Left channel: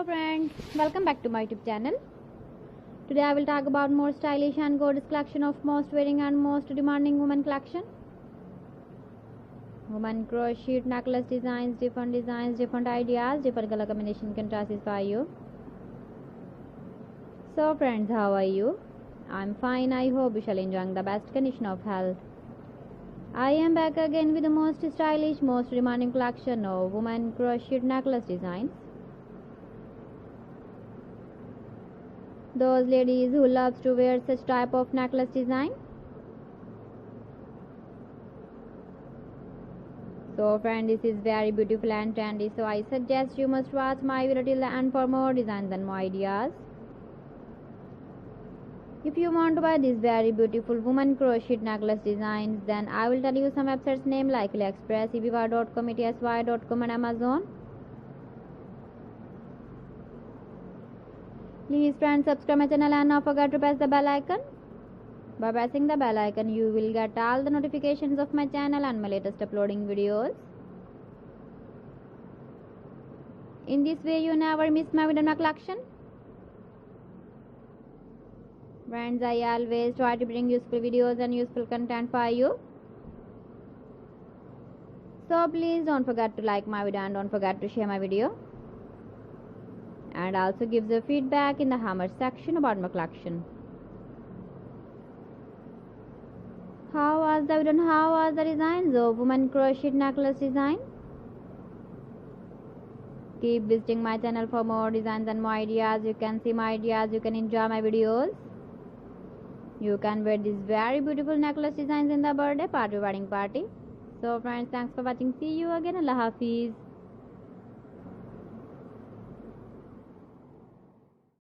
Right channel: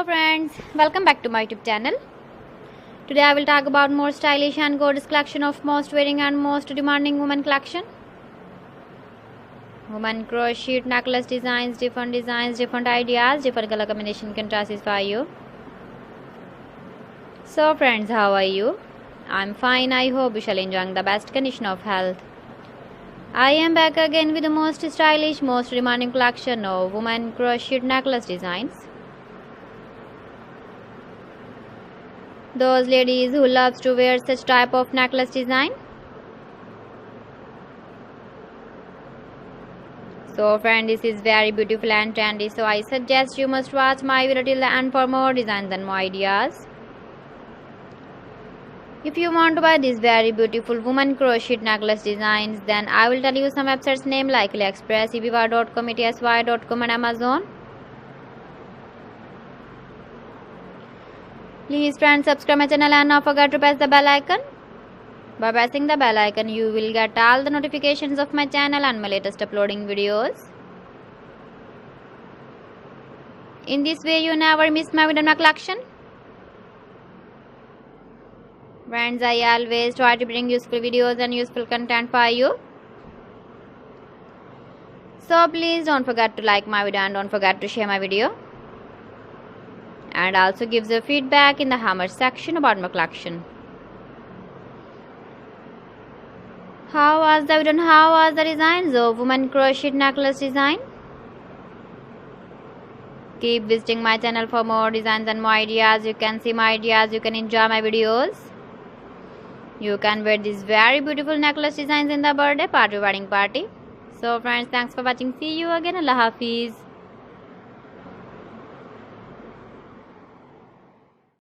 Hello friends, welcome back to my YouTube channel. Today I will talk about more stylish and gorgeous collection of most wearing and most demanding women collection. Women crochet necklace designs, different ideas, different color combination can satisfy you. So friends, how are you? I'm fine. I hope you shall enjoying the best condition of health. I am back again with the most stylish, most demanding collection of women crochet necklace designs. Those ladies who loves to wear such type of necklace design. So friend, this is very beautiful and trendy, so I suggest you must watch my video till the end for more designs and more ideas. If you want to buy these very beautiful woman crochet necklace designs, then I will tell you some websites name like AliExpress, eBay.com, etsy.com and Amazon. Please friends, subscribe my channel and not forget to press the bell icon. By pressing the bell icon, you will get all the notifications of my channel and my latest uploading videos. In this way, you never miss my video collection. Friends, I always try to bring useful videos and useful content for you. So please don't forget to like my video and don't forget to share my video. And also give the feedback in the hammer section about my collection. How was the video and how was the designs of woman crochet necklace design? Keep visiting my channel for more designs and more ideas. You can see my ideas, you can enjoy my videos. You can wear these very beautiful necklace designs in the birthday party, wedding party. So friends, thanks for watching. See you again. Allah Hafiz.